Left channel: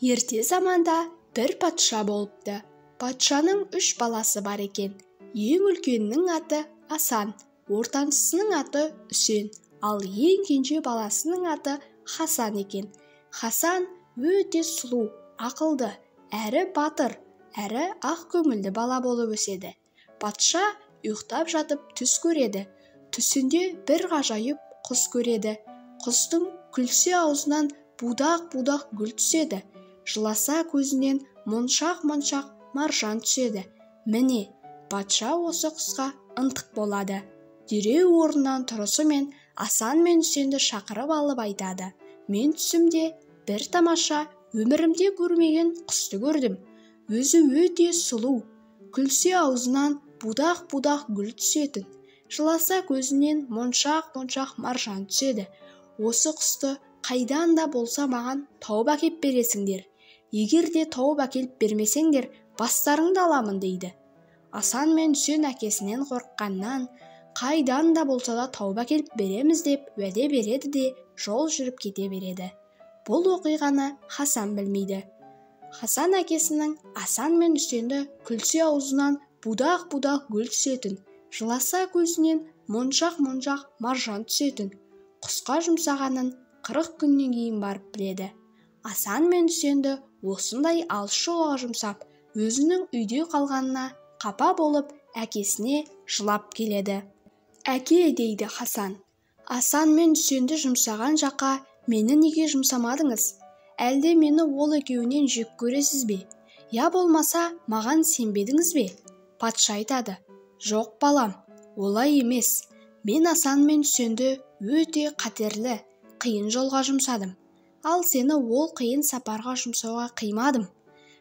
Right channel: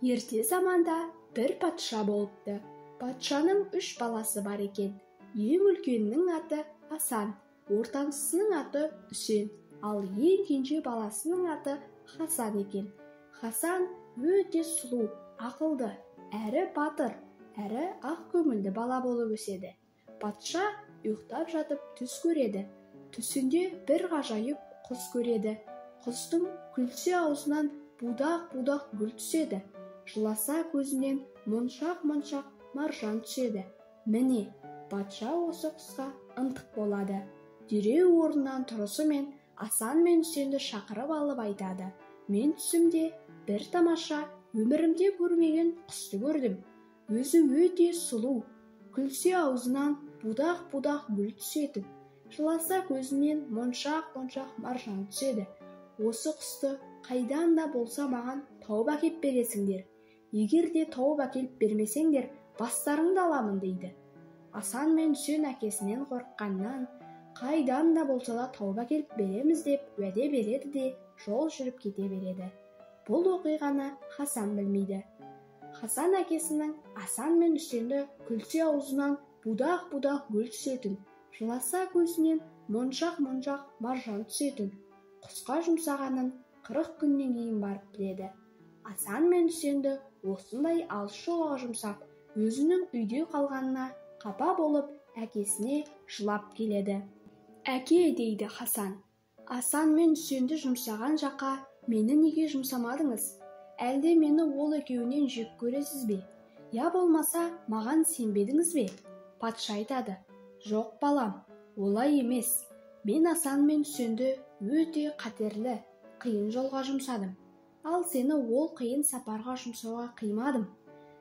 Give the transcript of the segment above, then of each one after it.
Ерте заманда бір патша болыпты. Патшаның 3 баласы бар екен. Ең үлкенінің аты Асан, ортаншысының аты Үсен, ал ең кенже баласының аты Хасан екен. Хасан өте сұлу, ақылды, әрі батыр, әрі ақ көңілді бала болып өседі. Патша ұйықтап жатып түс көреді. Түсінде бір ғажайып құс көреді. Құстың күлсе аузынан будақ-будақ гүл түседі. Жыласа көзінен моншақ-моншақ маржан түседі. Міне, патша осы құсқа ынтық болады. Дереу орнынан тұрысымен Асан мен Үсенді шақырып алып айтады: мен түсімде бір тамаша, өмірімде көрмеген құсты көрдім. Өзі өте сұлу, күлсе аузынан будақ-будақ гүл түсетін, жыласа көзінен моншақ-моншақ маржан түседі. Осы құсты қайдан да болса маған тауып әкеп бересіңдер. Егер де тауып әкеліп бермесеңдер, бастарыңды аламын дейді. Асан мен Үсен әкесінен қорыққаннан, қайдан да болса да тауып әкеліп береміз деп уәде береді де жол жүріп кете береді. Бұл оқиғаны Хасан білмейді. Хасан әкесінің Асан мен Үсенді күлсе аузынан будақ-будақ гүл түсетін, жыласа көзінен моншақ-моншақ маржан түсетін құсқа жұмсағанын 40 күннен кейін барып біледі. Асан мен Үсенді осындай алыс жолға жұмсап, өзінің үйде қалғанына қапа болып, әкесіне жылап келеді. Әке, дейді Хасан, Асан мен Үсенді жұмсаған жаққа мені неге жұмсамадыңыз? Әлде мені ол екеуінен жек көресіз бе? Я болмаса маған сенбедіңіз бе? Патша айтады: жоқ балам, олай емес. Мен Асан мен Үсенді өте қатерлі, қиын жолға жұмсадым. Ал сені ол қиын сапарға жұмсауға қимадым.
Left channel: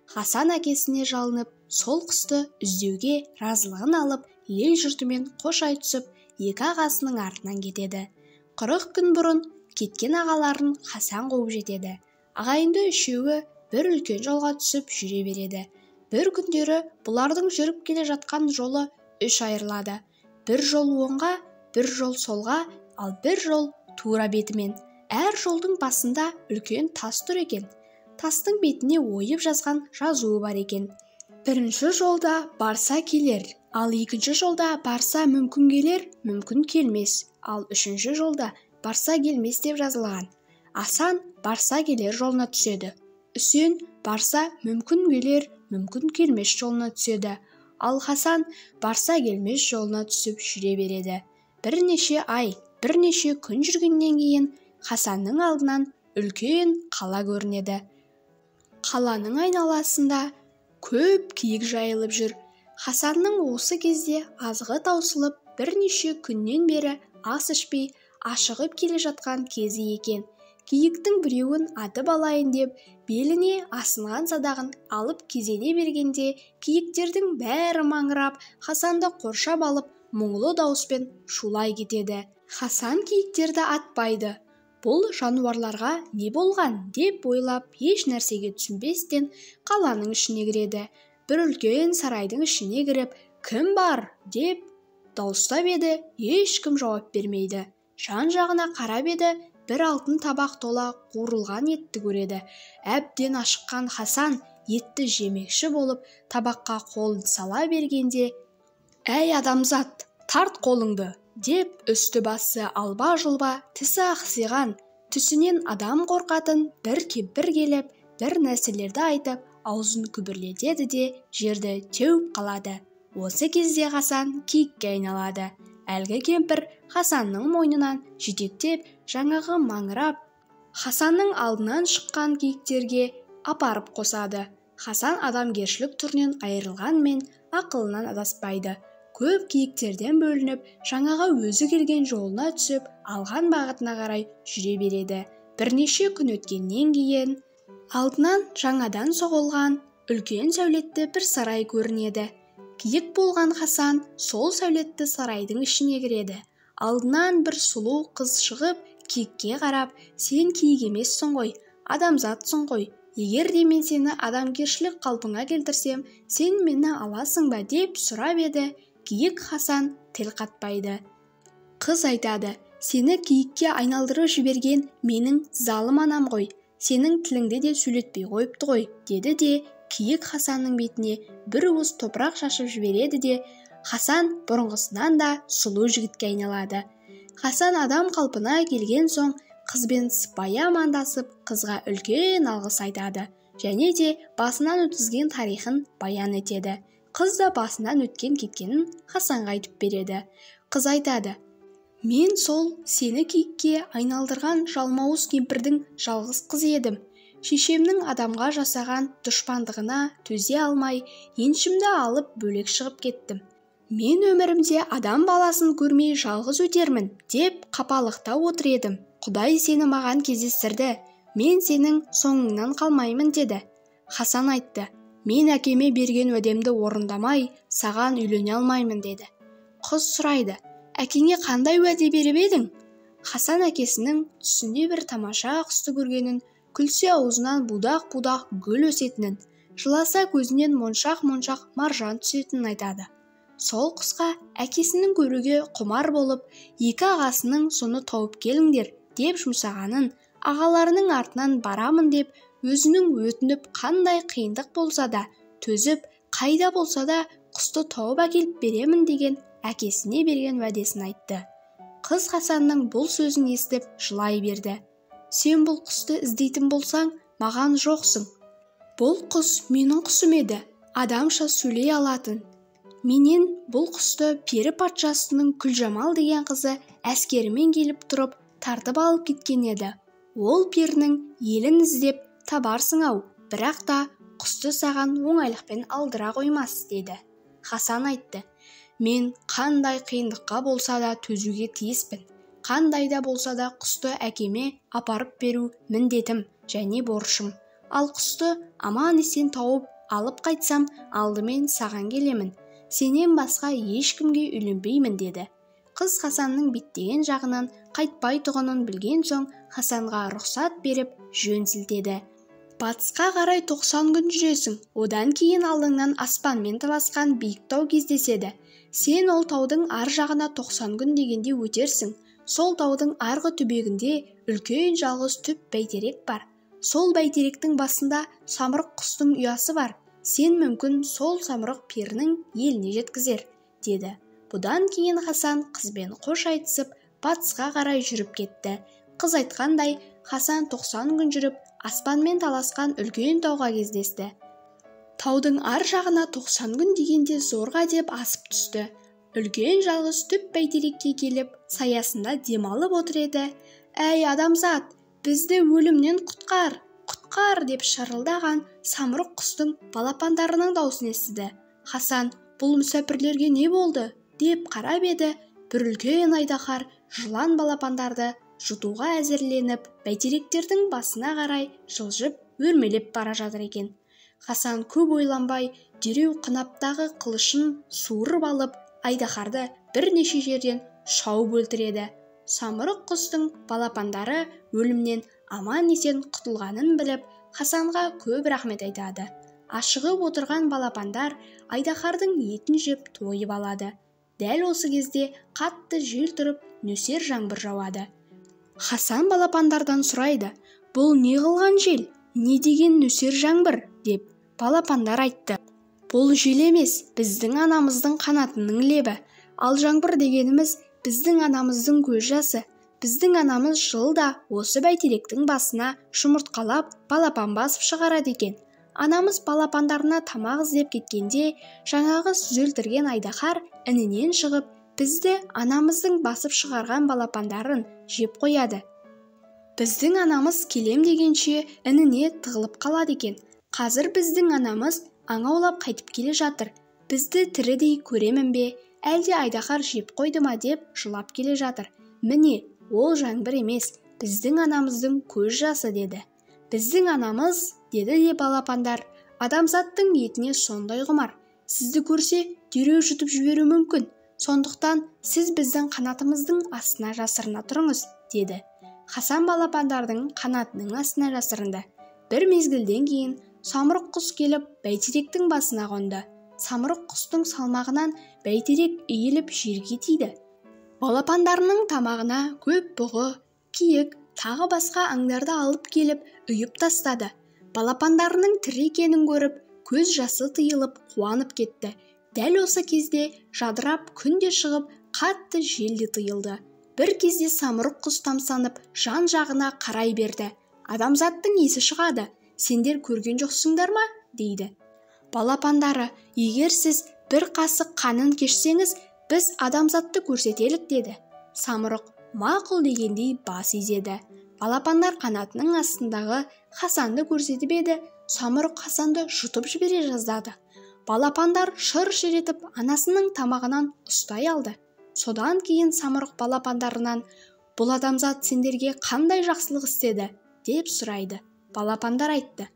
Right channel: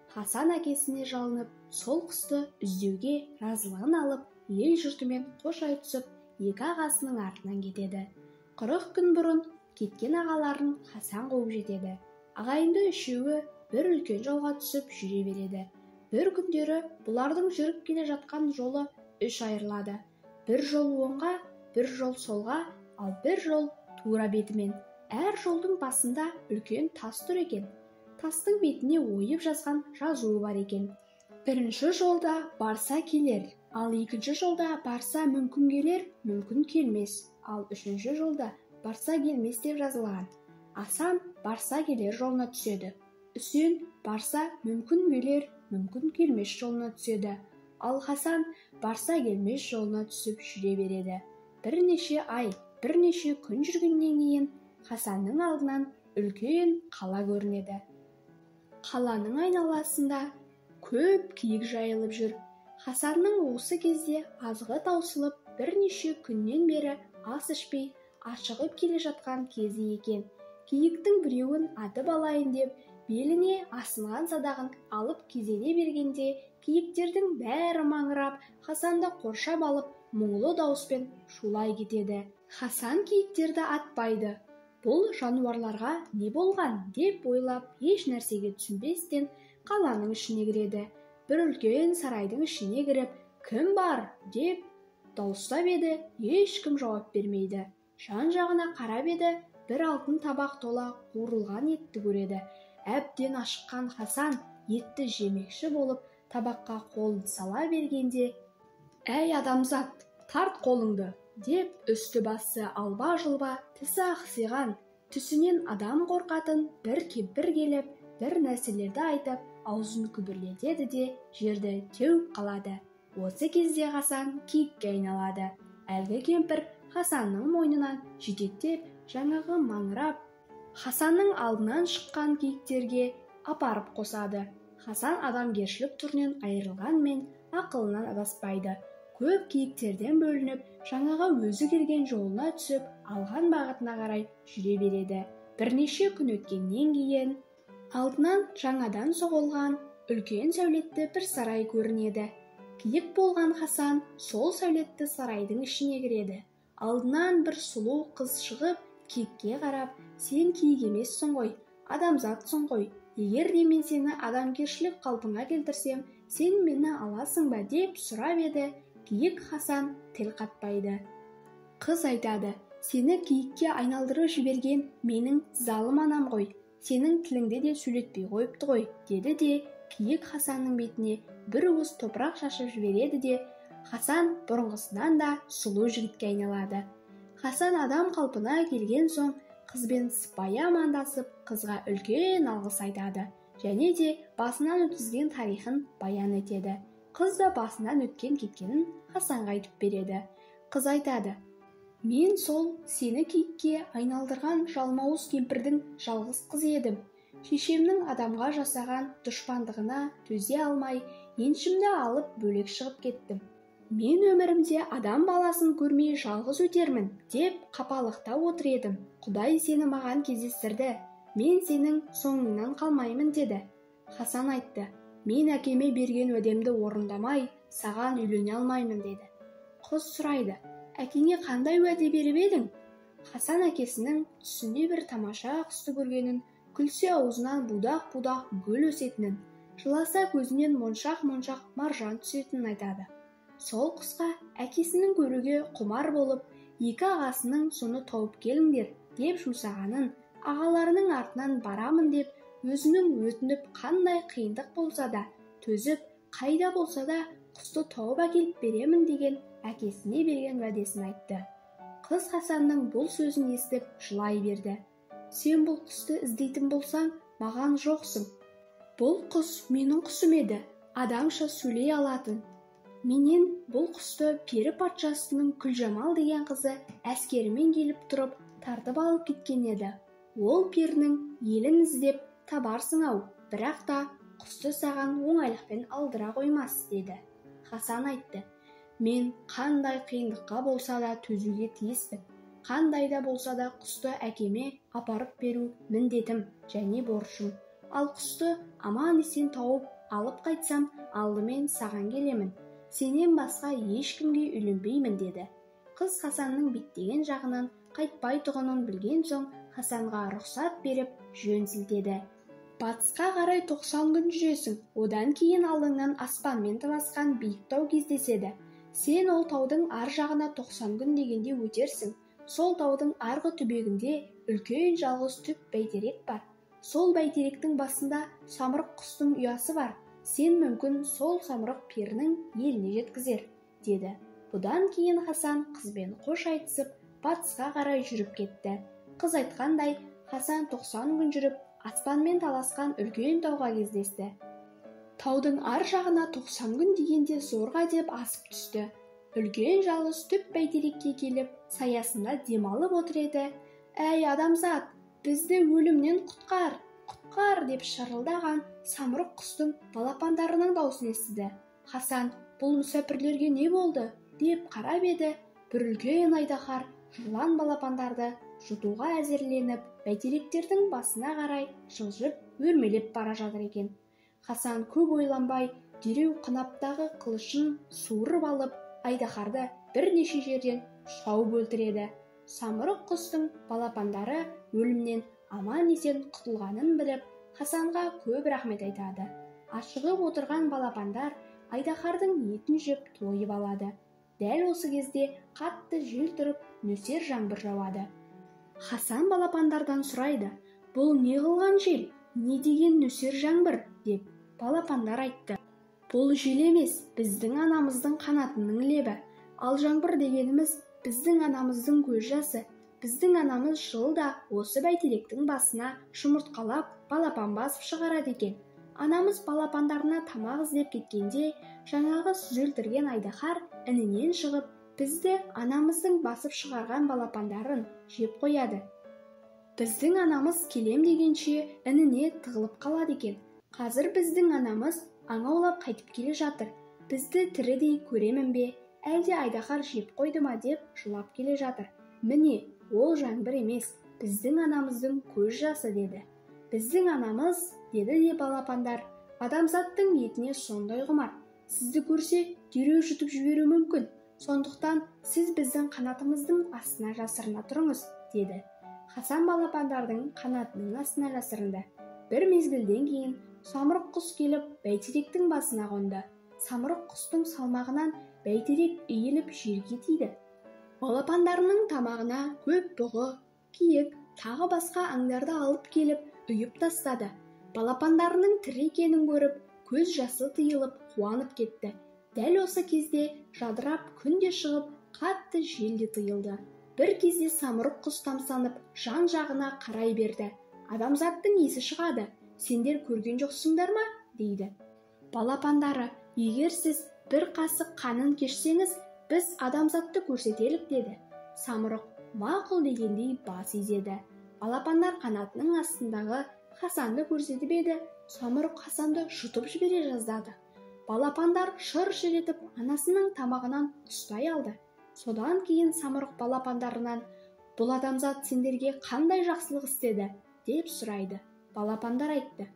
Хасан әкесіне жалынып, сол құсты іздеуге разылығын алып, ел жұртымен қош айтысып, екі ағасының артынан кетеді. 40 күн бұрын кеткен ағаларын Хасан қуып жетеді. Ағайынды үшеуі бір үлкен жолға түсіп жүре береді. Бір күндері бұлардың жүріп келе жатқан жолы 3 айырылады. Бір жол оңға, бір жол солға, ал бір жол тура бетімен. Әр жолдың басында үлкен тас тұр екен. Тастың бетіне ойып жазған жазуы бар екен. Бірінші жолда барса келер, ал екінші жолда барса мүмкін келер, мүмкін келмес, ал үшінші жолда барса келмес деп жазылған. Асан барса келер жолына түседі. Үсен барса мүмкін келер, мүмкін келмес жолына түседі. Ал Хасан барса келмес жолына түсіп жүре береді. Бірнеше ай, бірнеше күн жүргеннен кейін Хасанның алдынан үлкен қала көрінеді. Қаланың айналасында көп киік жайылып жүр. Хасанның осы кезде азығы таусылып, бірнеше күннен бері ас ішпей ашығып келе жатқан кезі екен. Киіктің біреуін атып алайын деп, беліне асынған садағын алып кезене бергенде, киіктердің бәрі маңырап, Хасанды қоршап алып, мұңлы дауыспен шулай кетеді. Хасан киіктерді атпайды. Бұл жануарларға не болған деп ойлап, еш нәрсеге түсінбестен қаланың ішіне кіреді. Бір үлкен сарайдың ішіне кіріп, кім бар деп дауыстап еді, ешкім жауап бермейді. Жан-жағына қарап еді, бір алтын табақ тола қуырылған етті көреді. Әбден ашыққан Хасан етті жемекші болып, табаққа қолын сала бергенде: әй адамзат, тарт қолыңды, деп үсті-басы алба-жұлба, тісі ақсиған, түсінен адам қорқатын бір кемпір келіп, бір нәрселерді айтып, аузын күбірлетеді де жерді теуіп қалады. Осы кезде Хасан киікке айналады. Әлгі кемпір Хасанның мойнынан жетектеп, жаңағы маңырап, Хасанның алдынан шыққан киіктерге апарып қосады. Хасан адамгершілік түрінен айырылғанмен ақылынан адаспайды. Көп киіктерден бөлініп, жаңаға өзі келген жолына түсіп, алған бағытына қарай жүре береді. Бірнеше күн өткеннен кейін алдынан жаңадан соғылған үлкен сәулетті бір сарай көрінеді. Киік болған Хасан сол сәулетті сарайдың ішіне кіреді. Алдынан бір сұлу қыз шығып, киікке қарап: сен киік емессің ғой, адамзатсың ғой. Егер де мен сені адамгершілік қалпыңа келтірсем, сен мені аласың ба деп сұрап еді. Киік Хасан тіл қатпайды. Қыз айтады: сені киікке айналдырып жіберген менің залым анам ғой. сенің тіліңді де сөйлетпей қойыпты ғой, деді де киік Хасанның бетіне бір уыс топырақ шашып жібереді де Хасан бұрынғысынан да сұлу жігітке айналады. Хасан адам қалпына келген соң қызбен сыпайы амандасып, қызға үлкен алғыс айтады және де басынан өткізген тарихын баян етеді. Қыз да басынан өткен кеткенін Хасанға айтып береді. Қыз айтады: мен сол сені киікке айналдырған жалмауыз кемпірдің жалғыз қызы едім. Шешемнің адамға жасаған дұшпандығына төзе алмай, еншімді алып бөлек шығып кеттім. Мен өмірімде адам баласын көрмей жалғыз өтермін деп қапалықта отыр едім. Құдай сені маған кездестірді. Мен сенің соңыңнан қалмаймын деді. Хасан айтты: мен әкеме берген уәдемді орындамай, саған үйлене алмаймын деді. Қыз сұрайды: әкеңе қандай уәде беріп едің? Хасан әкесінің түсінде бір тамаша құсты көргенін, күлсе аузынан будақ-будақ гүл өсетінін, жыласа көзінен моншақ-моншақ маржан түсетінін айтады. Сол құсқа әкесінің көруге құмар болып, екі ағасының соны тауып келіңдер деп жұмсағанын, ағаларының артынан барамын деп, өзінің өтініп қандай қиындық болса да төзіп, қайда болса да құсты тауып әкеліп беремін деген әкесіне берген уәдесін айтты. Қыз Хасанның бұл сөзін естіп жылай берді. Сен бұл құсты іздейтін болсаң, маған жоқсың. Бұл құс менің құсым еді, адамша сөйлей алатын. Менен бұл құсты пері патшасының Күлжамал деген қызы әскерімен келіп тұрып тартып алып кеткен еді. Ол перінің елін іздеп табарсың-ау, бірақ та құсты саған оңайлықпен алдыра қоймас, деді. Хасан айтты: мен қандай қиындыққа болса да төзуге тиіспін. Қандай да болса да құсты әкеме апарып беру міндетім және борышым. Ал құсты аман-есен тауып алып қайтсам, алдымен саған келемін. Сенен басқа ешкімге үйленбеймін, деді. Қыз Хасанның беттеген жағынан қайтпайтұғынын білген соң, Хасанға рұқсат беріп жөн сілтеді. Батысқа қарай 90 күн жүресің, одан кейін алдыңнан аспанмен таласқан биік тау кездеседі. Сен ол таудың ар жағына 90 күн дегенде өтерсің. Сол таудың арғы түбегінде үлкен жалғыз түп бәйтерек бар. Сол бәйтеректің басында самұрық құстың ұясы бар. Сен мүмкін сол самұрық перінің еліне жеткізер, деді. Бұдан кейін Хасан қызбен қош айтысып, батысқа қарай жүріп кетті. Қыз айтқандай, Хасан 90 күн жүріп, аспанмен таласқан үлкен тауға кездесті. Таудың ар жағына 90 күн дегенде зорға деп асып түсті. Үлкен жалғыз түп бәйтерекке келіп, саясында демалып отыр еді. Әй адамзат, бізді өлімнен құтқар! Құтқар деп шырылдаған самұрық құстың балапандарының даусын естіді. Хасан: бұл мүсәпірлерге не болды? Деп қарап еді, бір үлкен айдаһар жылан балапандарды жұтуға әзірленіп, бәйтеректердің басына қарай жылжып өрмелеп бара жатыр екен. Хасан көп ойланбай, дереу қынаптағы қылышын суырып алып, айдаһарды бірнеше жерден шауып өлтіреді. Самұрық құстың балапандары өлімнен аман-есен құтылғанын біліп, Хасанға көп рахмет айтады. Ашығып отырған балапандар айдаһардың етін жеп тойып алады. Дәл осы кезде қатты жел тұрып, нөсер жаңбыр жауады. Хасан балапандардан сұрайды: бұл не қылған жел? Не деген нөсер жаңбыр? Деп балапандар айтты: бұл жел емес, біздің анамыздың қанатының лебі. Ал жаңбыр дегеніміз біздің анамыздың көз жасы. Біздің анамыз жылда осы бәйтеректің басына жұмыртқалап, балапан басып шығарады екен. Анамыз балапандарына тамақ іздеп кеткенде, жаңағы сіз өлтірген айдаһар інінен шығып, бізді анамыздың басып шығарған балапандарын жеп қояды. Біздің анамыз келем дегенше ініне тығылып қалады екен. Қазір біздің анамыз аң аулап қайтып келе жатыр. Бізді тірідей көремін бе, әлде айдаһар жеп қойды ма деп жылап келе жатыр. Міне, ол жаңбыр емес, біздің анамыздың көз жасы, деді. Біздің анамыз, деді де балапандар, адамзаттың етіне сондай құмар. Сізді көрсе, дереу жұтып жіберуі мүмкін. Сондықтан сіз біздің қанатымыздың астына жасырына тұрыңыз, деді. Хасан балапандардың қанатының астына жасырынды. Бір мезгілден кейін самұрық құс келіп бәйтеректің басына қонды. Самұрық құстың салмағынан бәйтерек иіліп жерге тиді. Балапандарының тамағына көп бұғы, киік, тағы басқа аңдарды алып келіп үйіп тастады. Балапандарының тірі екенін көріп, көз жасы тыйылып қуанып кетті. Дәл осы кезде жадырап күн де шығып, қатты жел де тыйылды. Бір кезде самұрық құс тамсанып, жан-жағына қарай берді. Адамзаттың есі шығады. Сендер көрген жоқсыңдар ма? дейді. Балапандары, егер сіз бір қасық қанын кешсеңіз, біз адамзатты көрсетелік деді. Самұрық мақұл дегендей бас изеді. Балапандар қанатының астындағы Хасанды көрсетіп еді, самұрық Хасанды жұтып жібере жаздады. Балапандар шыр-шыр етіп анасының тамағынан ұстай алды. Содан кейін самұрық балапандарынан, бұл адамзат сендерге қандай жақсылық істеді, деп сұрайды. Балапандар айтты,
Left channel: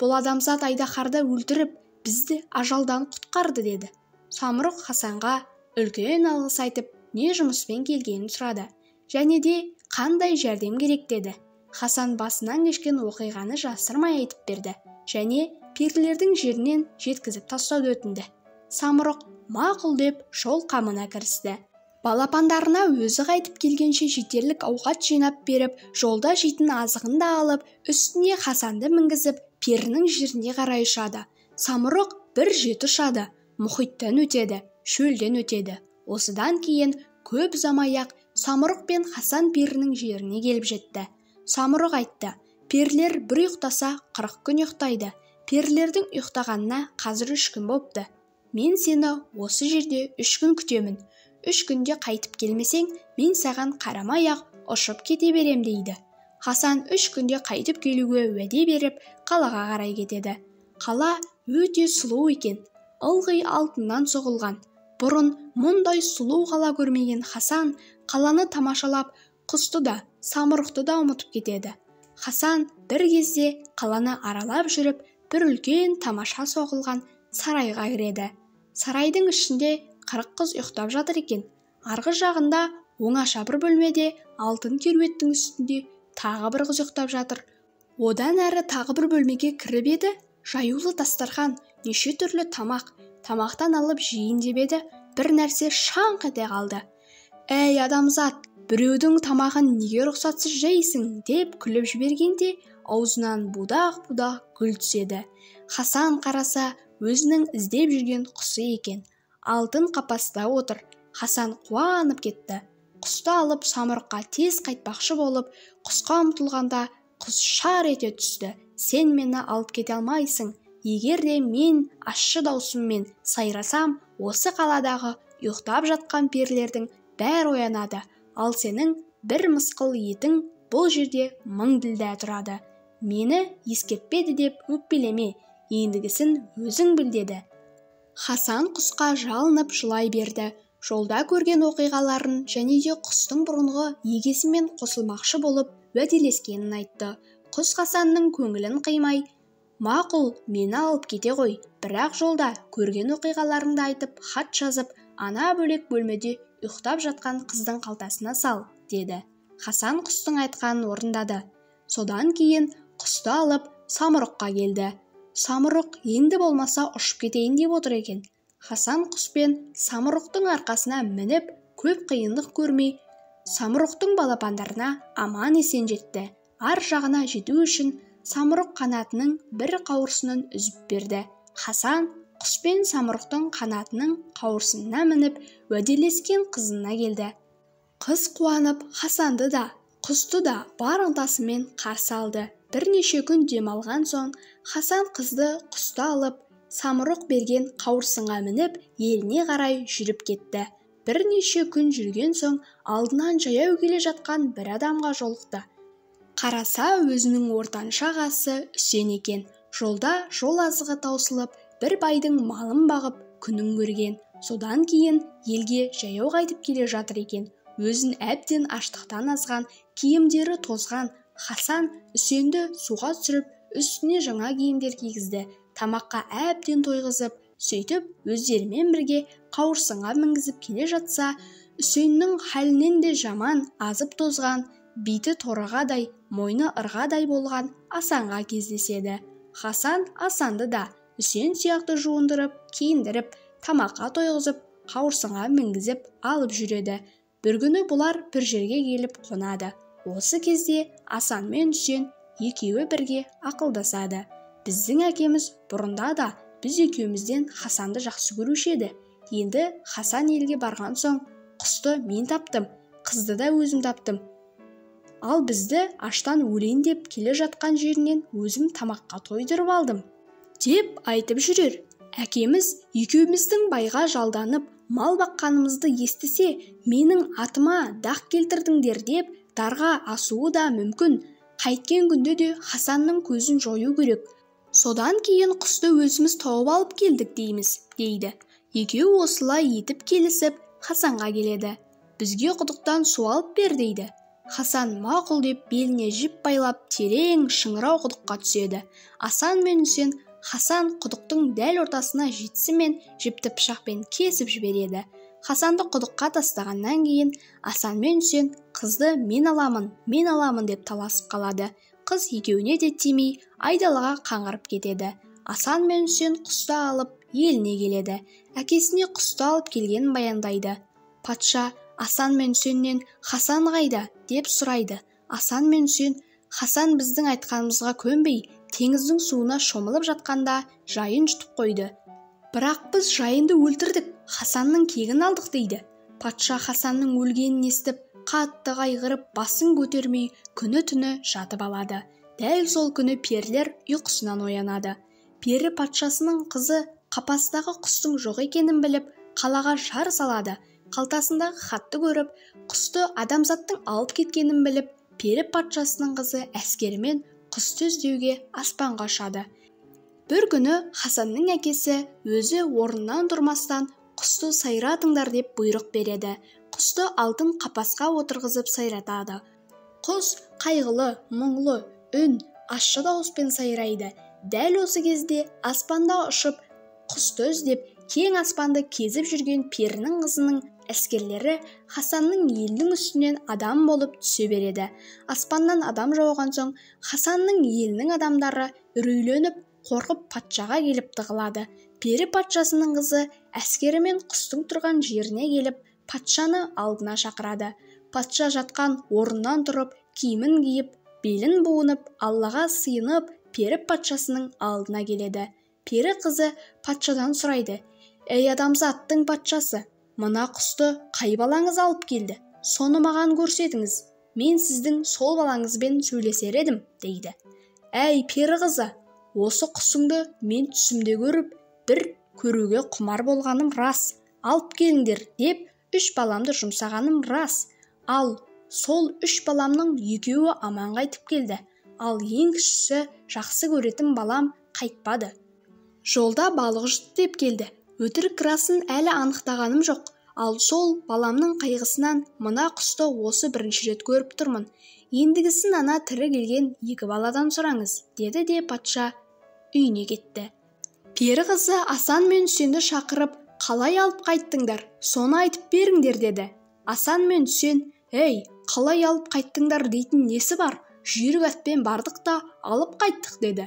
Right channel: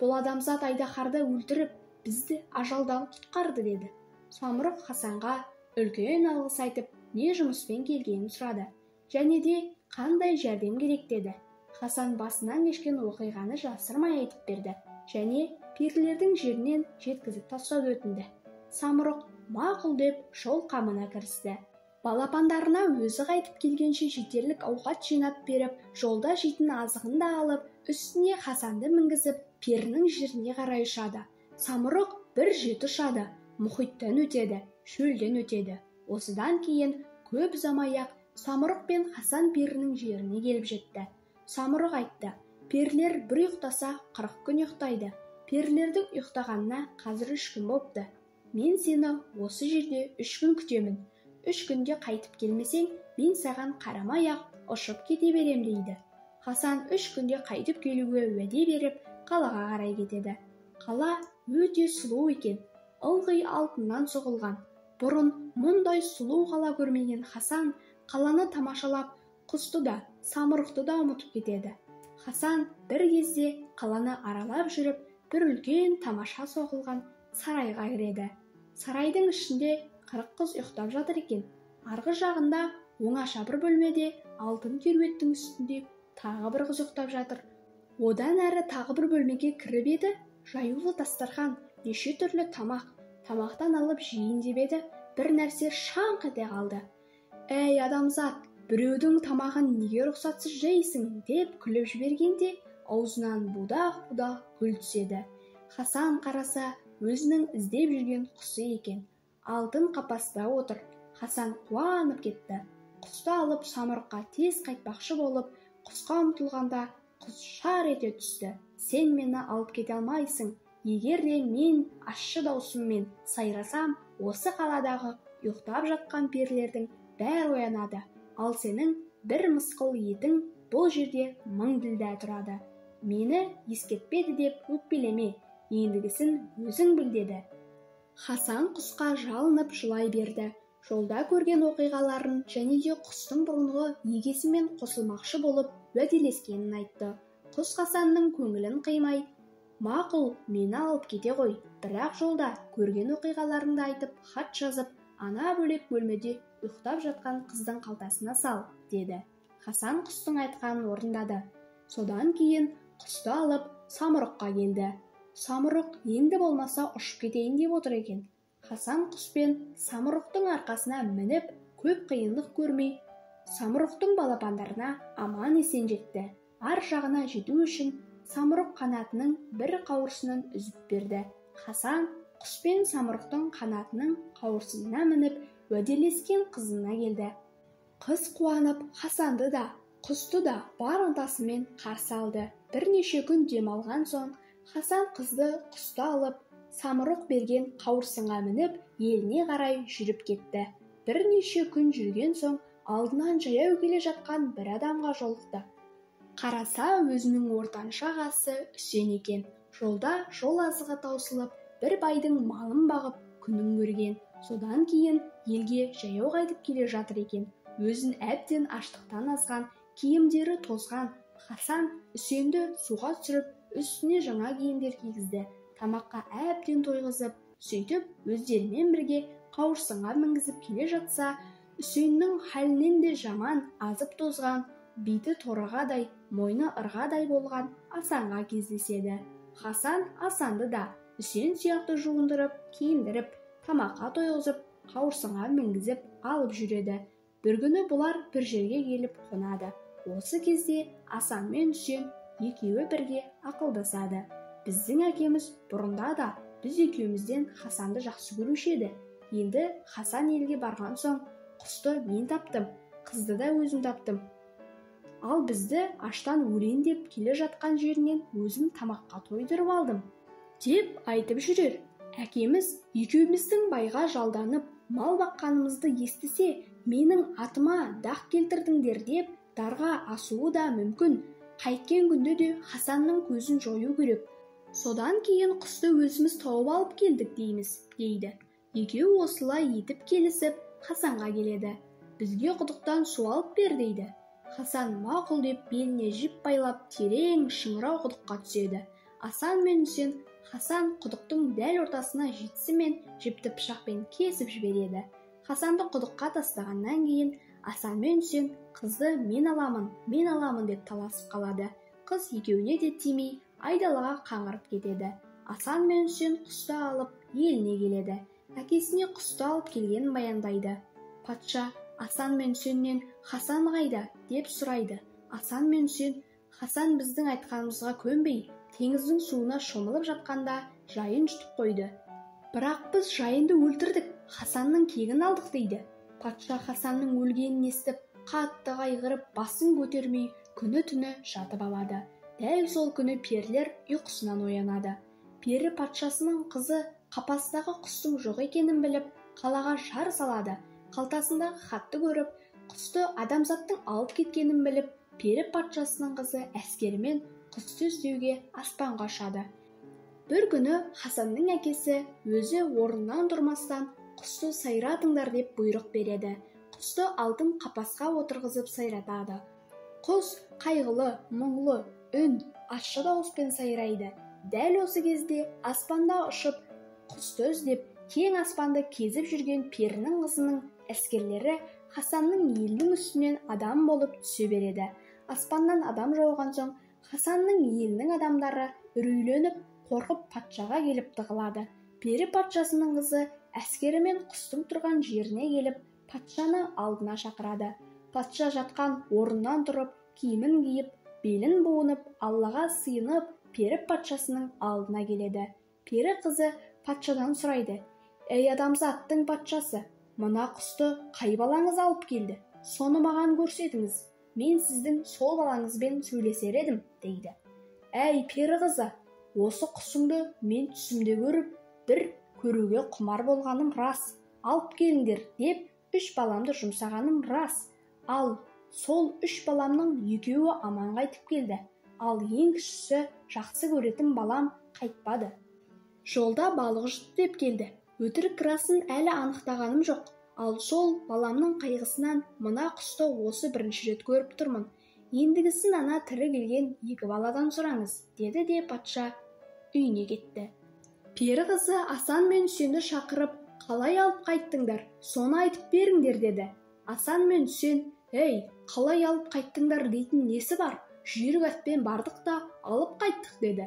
бұл адамзат айдаһарды өлтіріп, бізді ажалдан құтқарды деді. Самұрық Хасанға үлкен алғыс айтып, не жұмыспен келгенін сұрады, және де қандай жәрдем керек деді. Хасан басынан кешкен оқиғаны жасырмай айтып берді, және перілердің жерінен жеткізіп тастауды өтінді. Самұрық мақұл деп жол қамына кірісті. Балапандарына өзі қайтып келгенше жетерлік ауқат жинап беріп, жолда жейтін азығын да алып, үстіне Хасанды мінгізіп, перінің жеріне қарай ұшады. Самұрық бір жеті ұшады, мұхиттан өтеді, шөлден өтеді. Осыдан кейін көп ұзамай-ақ самұрық пен Хасан перінің жеріне келіп жетті. Самұрық айтты, перілер бір ұйықтаса 40 күн ұйықтайды. Перілердің ұйықтағанына қазір 3 күн болыпты. Мен сені осы жерде 3 күн күтемін. 3 күнде қайтып келмесең, мен саған қарамай-ақ ұшып кете берем дейді. Хасан 3 күнде қайтып келуге уәде беріп, қалаға қарай кетеді. Қала өте сұлу екен, ылғи алтыннан соғылған. Бұрын мұндай сұлу қала көрмеген Хасан қаланы тамашалап, құсты да, самұрықты да ұмытып кетеді. Хасан бір кезде қаланы аралап жүріп, бір үлкен тамаша соғылған сарайға кіреді. Сарайдың ішінде 40 қыз ұйықтап жатыр екен. Арғы жағында оңаша бір бөлмеде алтын кереуеттің үстінде тағы бір қыз ұйықтап жатыр. Одан әрі тағы бір бөлмеге кіріп еді, жаюлы дастархан, неше түрлі тамақ. Тамақтан алып жейін деп еді, бір нәрсе шаңқ ете қалды. «Әй адамзат, біреудің тамағын неге рұқсатсыз жейсің?» деп күліп жібергенде, аузынан будақ-будақ гүл түседі. Хасан қараса, өзінің іздеп жүрген құсы екен. Алтын қапаста отыр. Хасан қуанып кетті. Құсты алып самұрыққа тез қайтпақшы болып, құсқа ұмтылғанда құс шар ете түсті. «Сен мені алып кете алмайсың. Егер де мен ащы даусыммен сайрасам, осы қаладағы ұйықтап жатқан перілердің бәрі оянады. Ал сенің бір мысқыл етің бұл жерде 1000 ділдә тұрады. Мені ескертпеді деп өкпелеме, ендігісін өзің біл» деді. Хасан құсқа жалынып жылай берді. Жолда көрген оқиғаларын және де құстың бұрынғы егесімен қосылмақшы болып уәделескенін айтты. Құс Хасанның көңілін қимай, «Мақұл, мені алып кете ғой, бірақ жолда көрген оқиғаларыңды айтып, хат жазып, ана бөлек бөлмеде ұйықтап жатқан қыздың қалтасына сал» деді. Хасан құстың айтқанын орындады. Содан кейін құсты алып самұрыққа келді. Самұрық енді болмаса ұшып кетейін деп отыр екен. Хасан құспен самұрықтың арқасына мініп, көп қиындық көрмей, самұрықтың балапандарына аман есен жетті. Ар жағына жету үшін самұрық қанатының бір қауырсынын үзіп берді. Хасан құспен самұрықтың қанатының қауырсынына мініп, уәделескен қызына келді. Қыз қуанып, Хасанды да, құсты да бар ынтасымен қарсы алды. Бірнеше күн демалған соң, Хасан қызды құсты алып, самұрық берген қауырсынға мініп, еліне қарай жүріп кетті. Бірнеше күн жүрген соң, алдынан жаяу келе жатқан бір адамға жолықты. Қараса, өзінің ортанша ағасы Үсен екен. Жолда жол азығы таусылып, бір байдың малын бағып, күнін көрген. Содан кейін елге жаяу қайтып келе жатыр екен. Өзін әбден аштықтан азған, киімдері тозған. Хасан Үсенді суға түсіріп, үстіне жаңа киімдер кигізді. Тамаққа әбден тойғызып, сөйтіп өздерімен бірге қауырсынға мінгізіп келе жатса, Үсеннің хәлінен де жаман, азып тозған, биті торағадай, мойны ырғадай болған Асанға кездеседі. Хасан Асанды да Үсен сияқты жуындырып, киіндіріп, тамаққа тойғызып, қауырсынға мінгізіп алып жүреді. Бір күні бұлар бір жерге келіп қонады. Осы кезде Асан мен Үсен екеуі бірге ақылдасады. Біздің әкеміз бұрында да біз екеумізден Хасанды жақсы көруші еді. Енді Хасан елге барған соң құсты мен таптым, қызды да өзім таптым. Ал бізді аштан өлейін деп келе жатқан жерінен өзім тамаққа тойдырып алдым, деп айтып жүрер. Әкеміз екеуміздің байға жалданып, мал баққанымызды естісе, менің атыма дақ келтірдіңдер деп дарға асуы да мүмкін. Қайткен күнде де Хасанның көзін жою керек. Содан кейін құсты өзіміз тауып алып келдік дейді. Екеуі осылай етіп келісіп Хасанға келеді. Бізге құдықтан су алып бер дейді. Хасан мақұл деп беліне жіп байлап терең шыңырау құдыққа түседі. Асан мен Үсен Хасан құдықтың дәл ортасына жетісімен жіпті пышақпен кесіп жібереді. Хасанды құдыққа тастағаннан кейін Асан мен Үсен қызды мен аламын деп таласып қалады. Қыз екеуіне де тимей айдалаға қаңғырып кетеді. Асан мен Үсен құсты алып еліне келеді. Әкесіне құсты алып келгенін баяндайды. Патша Асан мен Үсеннен Хасан қайда деп сұрайды. Асан мен Үсен Хасан біздің айтқанымызға көнбей теңіздің суына шомылып жатқанда жайын жұтып қойды. Бірақ біз жайынды өлтірдік, Хасанның кегін алдық дейді. Патша Хасанның өлгенін естіп қатты қайғырып басын көтермей күні-түні жатып алады. Дәл сол күні перілер ұйқысынан оянады. Пері патшасының қызы қапастағы құстың жоқ екенін біліп қалаға жар салады. Қалтасындағы хатты көріп, құсты адамзаттың алып кеткенін біліп, пері патшасының қызы әскерімен құсты іздеуге аспанға ұшады. Бір күні Хасанның әкесі өзі орнынан тұрмастан құсты сайратыңдар деп бұйрық береді. Құсты алтын қапасқа отырғызып сайратады. Құс қайғылы, мұңлы, үн, ащы дауыспен сайрайды. Дәл осы кезде аспанда ұшып, құсты іздеп, кең аспанды кезіп жүрген перінің қызының әскерлері Хасанның елінің үстінен адам болып түсе береді. Аспаннан адам жауған соң, Хасанның елінің адамдары үрейленіп, қорқып патшаға келіп тығылады. Пері патшасының қызы әскерімен құстың тұрған жеріне келіп, патшаны алдына шақырады. Патша жатқан орнынан тұрып, киімін киіп, белін буынып, Аллаға сыйынып, пері патшасының алдына келеді. Пері қызы патшадан сұрайды: «Ей адамзаттың патшасы, мына құсты қай балаңыз алып келді? Соны маған көрсетіңіз. Мен сіздің сол балаңызбен сөйлесер едім», дейді. «Әй пері қызы, осы құсыңды мен түсімде көріп, бір көруге құмар болғаным рас. Алып келіңдер» деп 3 баламды жұмсағаным рас. Ал сол 3 баламның екеуі аман қайтып келді. Ал ең кішісі жақсы көретін балам қайтпады. Жолда балық жұтты деп келді. Өтірік расын әлі анықтағаным жоқ. Ал сол баламның қайғысынан мына құсты осы бірінші рет көріп тұрмын. Ендігісін ана тірі келген 2 баладан сұраңыз, деді де патша үйіне кетті. Пері қызы Асан мен Үсенді шақырып, қалай алып қайттыңдар? Соны айтып беріңдер, деді. Асан мен Үсен: «Ей, қалай алып қайттыңдар дейтін несі бар? Жүйрік атпен бардық та алып қайттық», деді.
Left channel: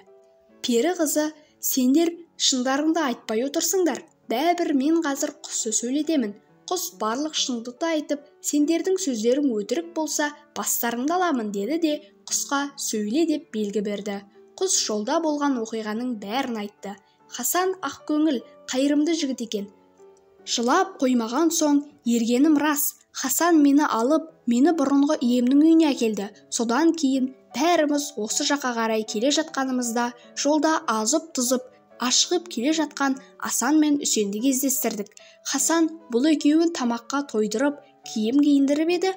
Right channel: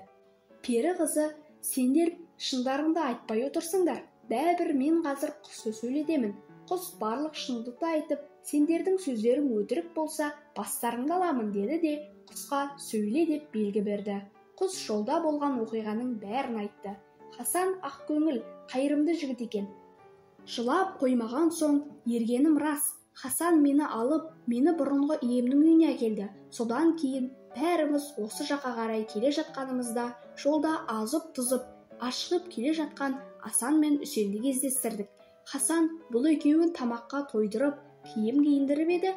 Пері қызы: «Сендер шындарыңды айтпай отырсыңдар. Бәрібір мен қазір құсты сөйлетемін. Құс барлық шындықты айтып, сендердің сөздерің өтірік болса, бастарыңды аламын», деді де құсқа сөйле деп белгі берді. Құс жолда болған оқиғаның бәрін айтты. Хасан ақкөңіл, қайырымды жігіт екен. Жылап қоймаған соң, ергенім рас. Хасан мені алып, мені бұрынғы иемнің үйіне әкелді. Содан кейін бәріміз осы жаққа қарай келе жатқанымызда жолда азып-тызып, ашығып келе жатқан Асан мен Үсенді кездестірдік. Хасан бұл екеуін тамаққа тойдырып, киім киіндіріп еді.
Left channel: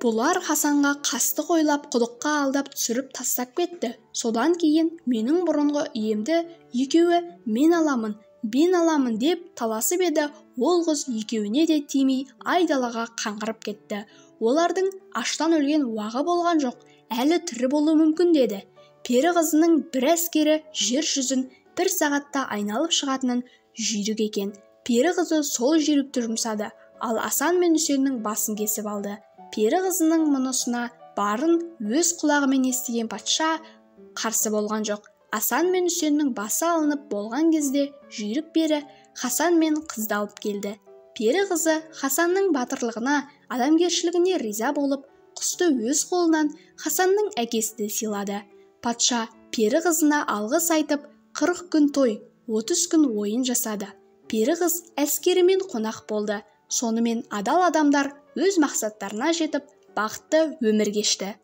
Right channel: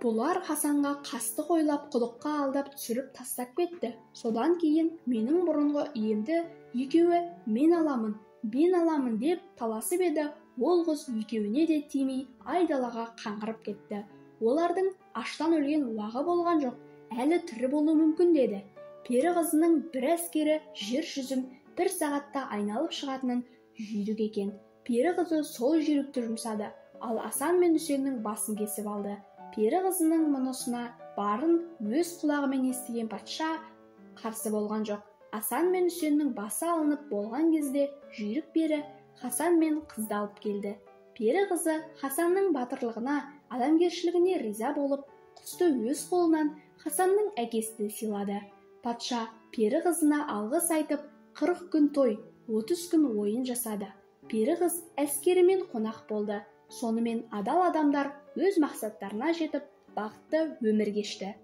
Бұлар Хасанға қасты қойлап, құдыққа алдап түсіріп тастап кетті. Содан кейін менің бұрынғы иемді екеуі мен аламын деп таласып еді. Ол қыз екеуіне де тимей айдалаға қаңғырып кетті. Олардың аштан өлген уағы болған жоқ, әлі тірі болуы мүмкін, деді. Пері қызының бір әскері жер жүзін 1 сағатта айналып шығатынын жүйрік екен. Пері қызы сол жүйрікті жұмсады, ал Асан мен Үсеннің басын кесіп алды. Пері қызының мұнысына барын өз құлағымен естіген патша қарсы болған жоқ. Асан мен Үсеннің басы алынып болған кезде жүйрік пері Хасан мен қызды алып келді. Пері қызы Хасанның батырлығына, адамгершілігіне риза болып, құсты өз қолынан Хасанның әкесіне сыйлады. Патша пері қызына алғыс айтып, 40 күн той, 30 күн ойын жасады. Пері қыз әскерімен қонақ болды. Сонымен адал адамдар өз мақсаттарына жетіп, бақытты өмір кешті.